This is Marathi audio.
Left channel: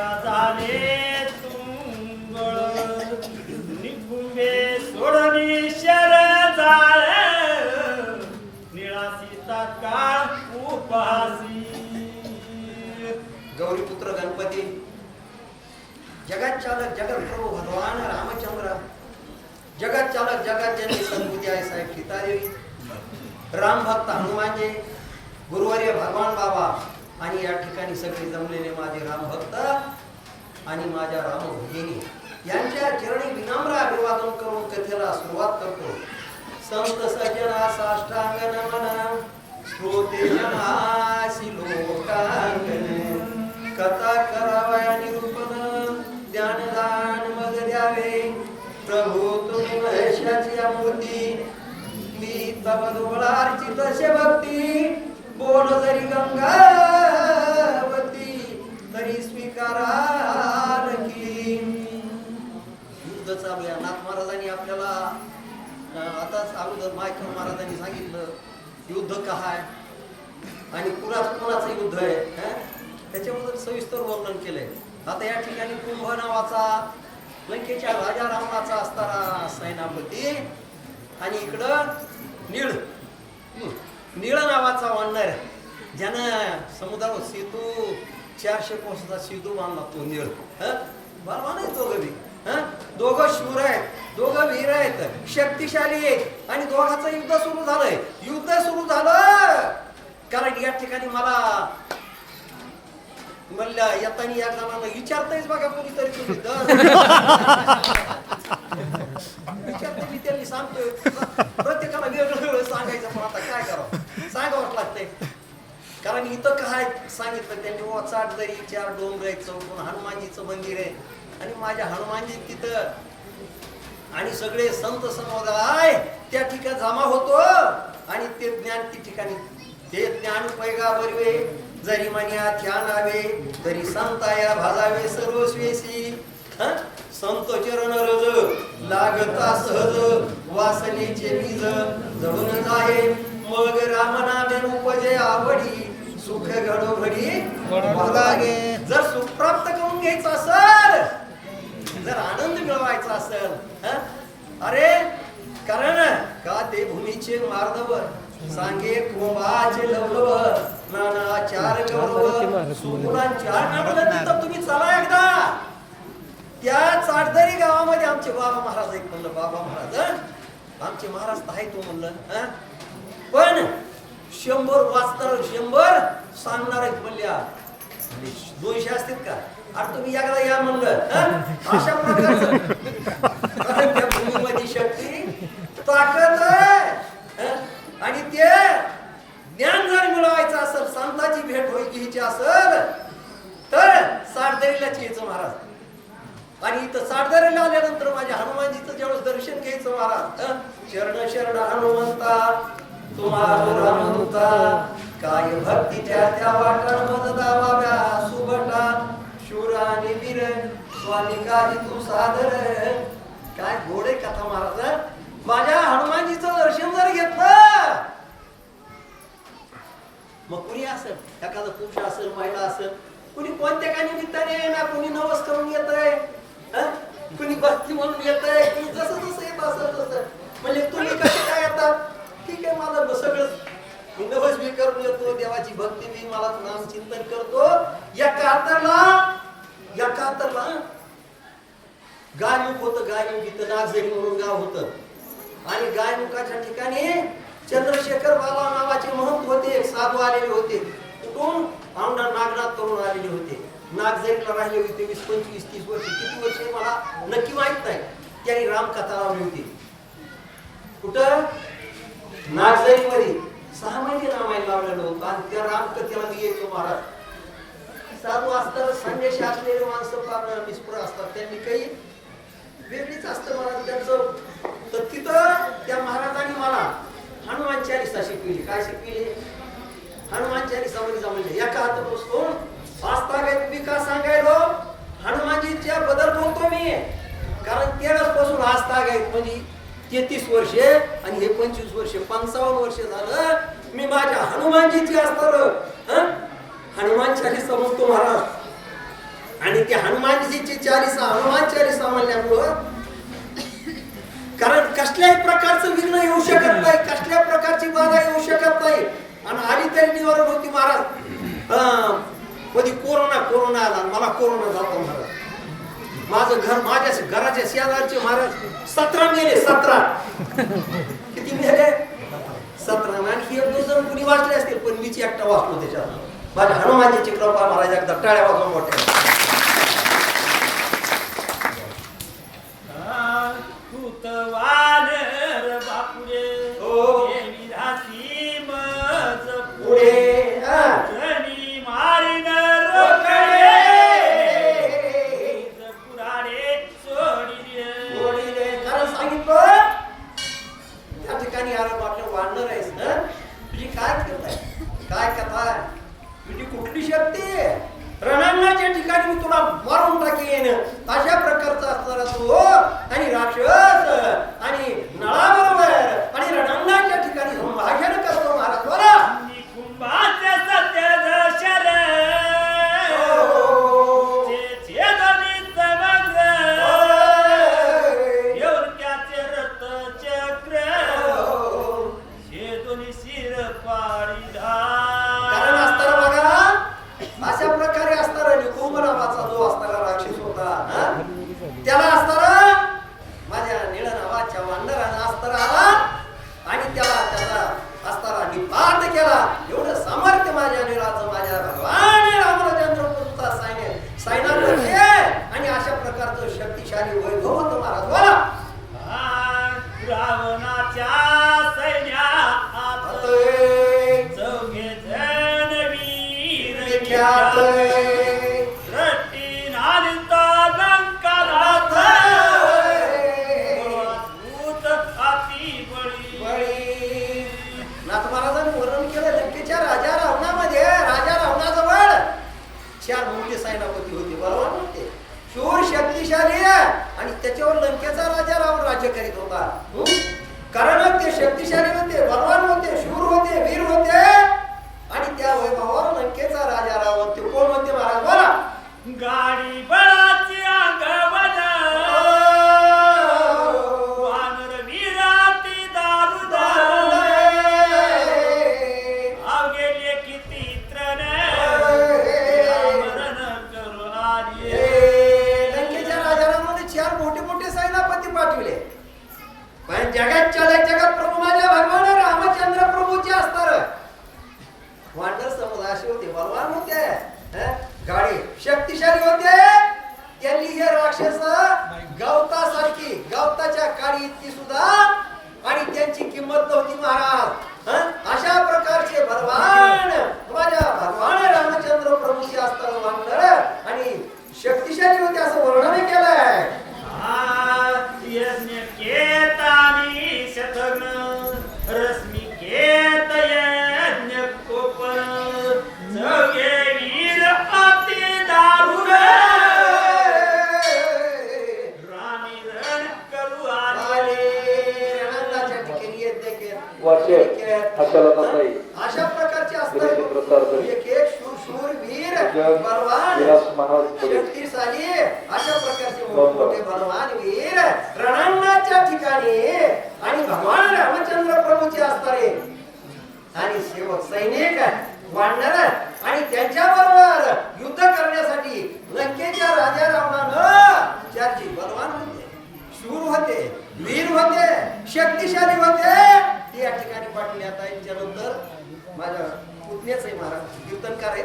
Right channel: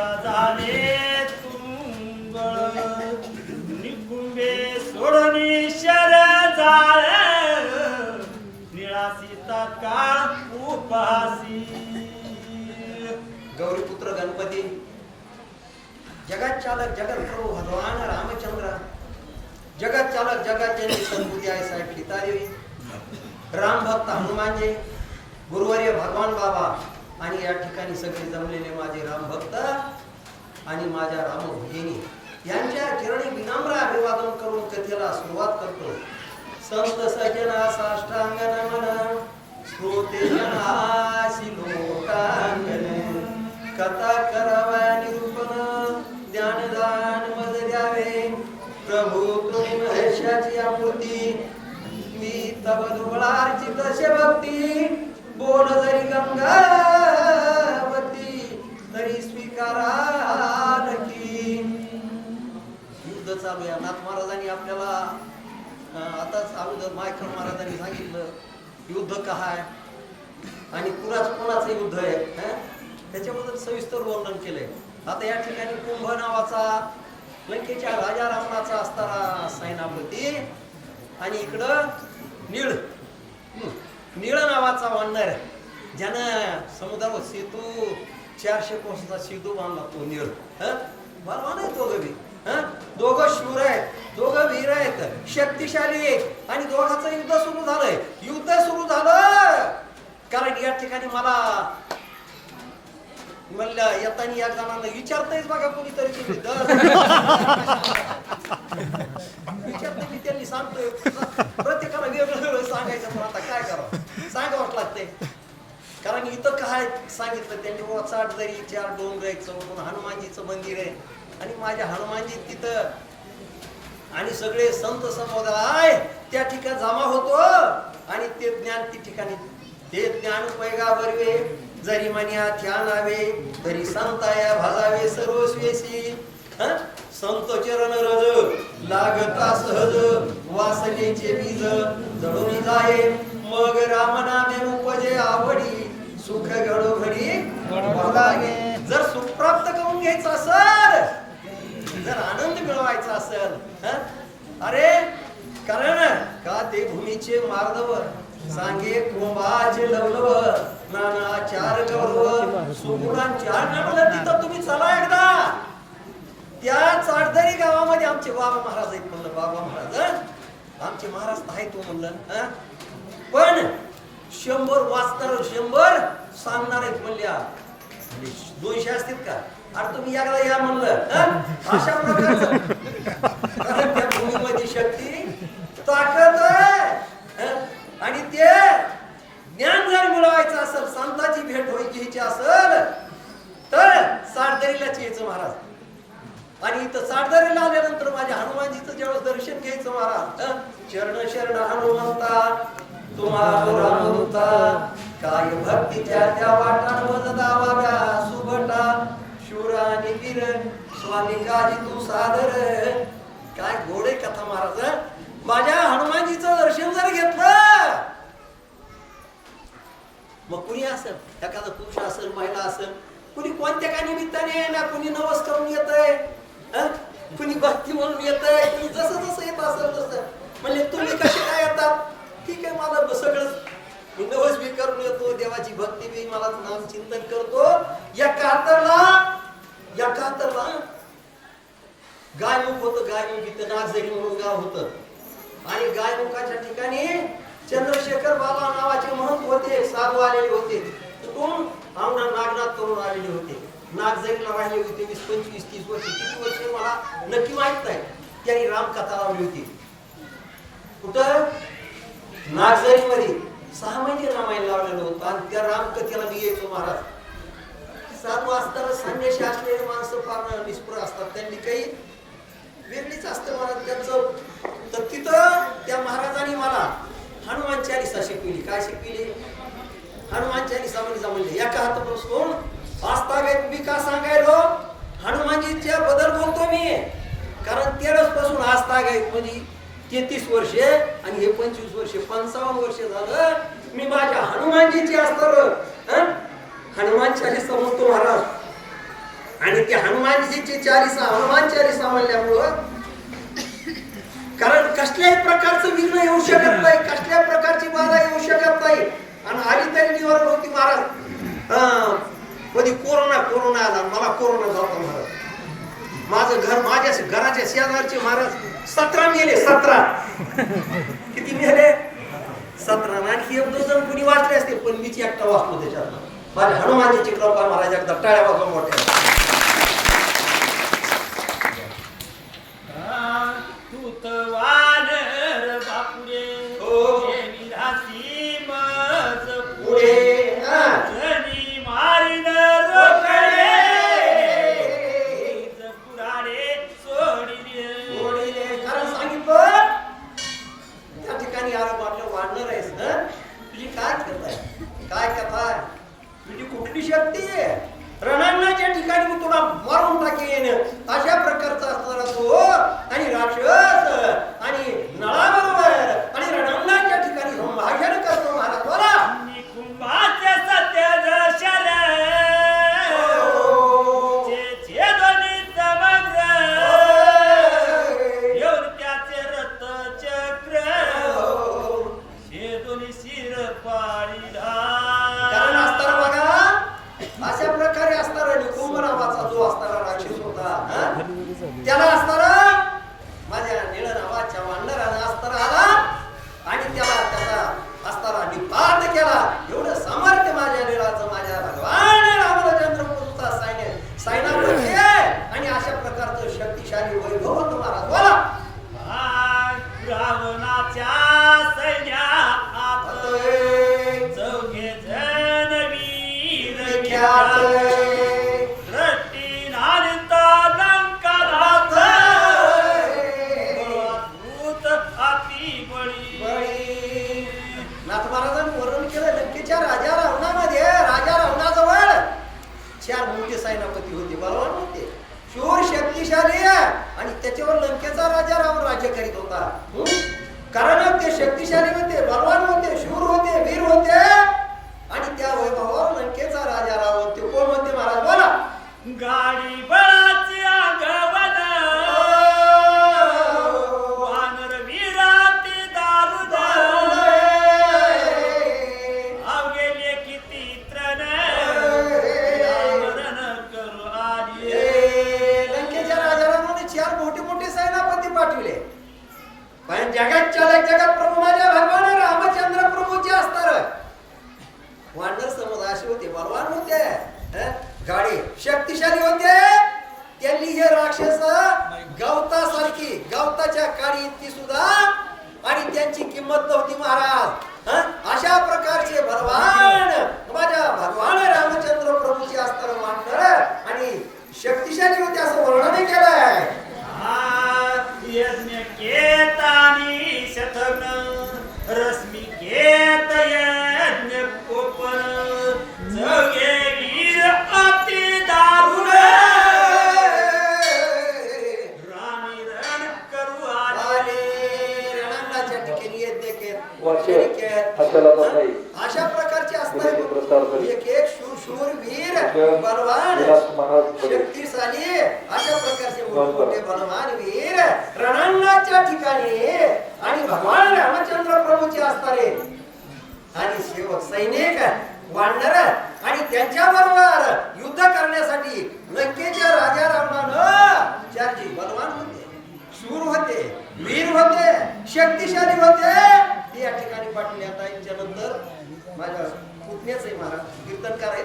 का झाले तुंगळ निकुंबे सोडणी शर झाले. निळासी तात्काळ उपासी गौरीपुत्र गणपती जगत चालक जगत प्रभू भगवान रामचंद्र जगत चालक जगत जननी सद्बुद्धी आहे साहेब सीतादेवी राम भक्त हनुमानजी गुरुवर्य भगवान बाबा आणि या ठिकाणी सगळे जमलेले माझे राम भक्त आणि माझ्या राम भगिनी यांच्या चरणी विनम्र अभिवादन करून कथेला सुरुवात करतो. संत सजना साष्टांग नमन श्रोते जनासी लोकांगन कथा करावया निरूपण ज्ञानदान मग द्यावे. प्रभू तुम्ही महेशाची आमूर्ती मी तब डोळार्ची भक्ती. बोल जरी गंगा तरी की. युद्ध चालू आहे. नाथ महाराजांनी आपल्याला आताच अगोदर मायकल महाराजांनी सांगितलं युद्ध का आहे आणि कुणाच कोणाचं युद्ध आहे त्याच्याबद्दल सविस्तर वर्णन केलंय. आता या ठिकाणी कुंभ नावाचा लंकेच्या राजा रावणाचा असणारा सैनापती आणि इकडं निळ. निळ नावाचा वानर ज्यानं समुद्रावर सेतू चारशे कोसाचा सेतू बांधला तो निर हं? दोघं बी. हं? दोघं शूर आहेत दोघं वीर आहेत शक्तिशाली आहेत आणि दोघांचं युद्ध सुरू झालंय. युद्ध सुरू झालं! कारण या ठिकाणी मला म्हणलं येताना या जणांना विचारतायच बघा कोणीतरी तुम्ही. दर. विचारते मी त्यांनी सांगतोय. प्रत्येकाला वेगळं वेगळं सांगायचं पण आता काय करावं? सांगावंच लागतंय. कारण इथं काय सांगितलं त्यांनी ओचाट चाट जरी चार डोंगर आहेत चौकून हनुमानजीचं मंदिर आहे. आणि माझ्या हनुमानजी तिथं आणि सगळे संत समुदाय त्या ठिकाणी जमा होतो आणि ते ज्ञान ती ठिकाणी ते ज्ञान पैगा बरवे जरी मन्या ध्यानावे तरी संताया भाजावे सर्वस्वेसी. संत चरण रज लागता सहज वासनेचे बीज जळून जाये मग रामनामे उपजे आवडी. सुख घडो घडी बघागे जर सुख प्राप्त करून घ्यायचं असेल जर आनंद मिळवायचा असेल? अरे कारण का ते भूमीचे मार्दव सांगे कोंबाचे लवलव नाना चार गौरव सुगुणां चार नाटलं तिथं तुम्ही चला एकदा त्या चाटदरी गावामध्ये आमचे बाबा महाराज आहेत म्हणलं बाबा महाराज? आमचे महाराज आहे तो म्हणलं? पण शंभर वाचणार शंभर सांगणार आहेत म्हणल्या दोनशे असतील का? अरे तुम्ही एकदा या म्हणलं अशा प्रकारचं. कारण त्या भूमीमध्ये शक्ती ताकद आहे आणि ते ज्ञान जर मिळवायचं असेल संताची भेट होई घ्यायची असेल तर साठदरीलाच यायचं महाराज. आणि इथं साठदरीला आल्यानंतर माझ्या हनुमानजीचं ज्यावेळेस दर्शन घ्यायचं महाराज चरण शरण हनुमंता तुम्हाला काय भक्तीच्या त्या वाटण मज दावाव्या सुभटा शूर आणि वीर स्वामी काजी तू सादर. काय गोडे कथा महाराज माझ्या हनुमानजीचं दर्शन जर घेतलं मग कुणी असेल? एखादं पुरुष असेल महिला असेल कुणी कोणत्या का निमित्ताने ना कुणी नवस करून येत आहे कुणी भक्ती म्हणून येत आहे कुणी जसं जसं येत असेल तसं. म्हणजे तुम्ही कसे काय येतात ठीक आहे मला सगळं मी नवस बी करून येतो देवाची भक्ती बी मला नाम चिंतन करतो. या कातरला या कातरला. गायमुख होत गायमुख इथं नागझरी म्हणून गाव होत. आणि गायमुखाच्या ठिकाणी चंद्रशेखर बाबा नावाचे महंत होते साधू आलेले होते. कुठून आमना नागनाथ करून आलेले होते. नागझरीला राहिले होते वीस पंचवीस तीस वर्ष. किती वर्ष मला नक्की माहीत नाही. त्यांनी रामकथा लावली होती. कुठं? नागझरीमध्ये. सहा महिने रामायण लावलेलं होतं आणि त्या रामकथेला मी येतो महाराज. सात असताना संन्याशी असलेले माणसं फार निष्पुर असतात. त्यांनी काही वेगळीच असतं महाराज त्यांचं तर तिथं त्या महाराजांनी मला हनुमान चालिसा शिकविली. काय शिकविली? हनुमान चालिसामध्ये म्हणजे जमले. एका हातापासून वाचता मी का सांगायलो? हनुमानजीच्या बदल बोलतो मी. कारण तेरसपासून आस्था गायक म्हणजे तेहतीस वर्षे हे पंचवीस वर्ष पंचावन्न वर्ष झालं मी माझ्या हनुमानजीची असणार हनुमान चालीसा म्हणतो महाराज. आणि ते हनुमानजीची चालीसा हनुमान चालीसा म्हणल्यामुळं कारण कसल्याही प्रकारचं विघ्न येऊ शकत नाही कसल्या प्रकारची बाधा येऊ शकत नाही. आणि आली तरी निवारण होती महाराज. हा, कधी कोरोना कोरोना आला मला कोरोना झाला महाराज. माझं घर माझ्या घराच्या शेजारचे महाराज सतरा मेले सतरा. किती मेले? सतरा. आणखी एक दोन जण कुणी वाचले असतील पण मीच एकटा वाचलो त्याच्यात. माझ्या हनुमानजीची कृपा महाराज एकदा टाळ्या वाजवा मोठ्या. तूत मी तुला मारून टाकेन. अशा प्रकारचा असणारा तो शक्तिशाली वैभव होतं महाराज बोला. रावणाच्या चौघे वीर नाथ. महाराजांनी वर्णन केलं लंकेच्या राजा रावणामध्ये राजा रावणाजवळ चार मोठे सैनापती होते शूर शक्तिशाली आणि त्याच्यावर लंकेचा राजा रावण राज्य करीत होता? कारण ते शक्तिशाली होते बलवान होते शूर होते वीर होते. आणि त्या वैभवावर लंकेचा राजा रावण ते कोण होते महाराज? बोला. गाडी बळाची चार मोठे मोठे सेनापती पाठविले. पण जगात चालक जगात प्रभू माझ्या भगवान रामचंद्र प्रभूचे असणार. वानर समज असे होते बलवान होते गाडी शक्तिशाली होते. त्यांनी हे राक्षस गवतासारखी गवताच्या काडी इतकी सुद्धा आणि त्यांची किंमत नव्हती महाराज. Раз सैनिक वाढणार आणि त्यांच्या बरोबर युद्ध करण्यासाठी लंकेच्या राजा रावणानं चारजी बलवान होते शूर होते वीर होते शक्तिशाली होते. ते या ठिकाणी पाठवले. आता यांच्यानंतर माझ्या पुतण्याचे महाराज कीर्तनकार आहेत.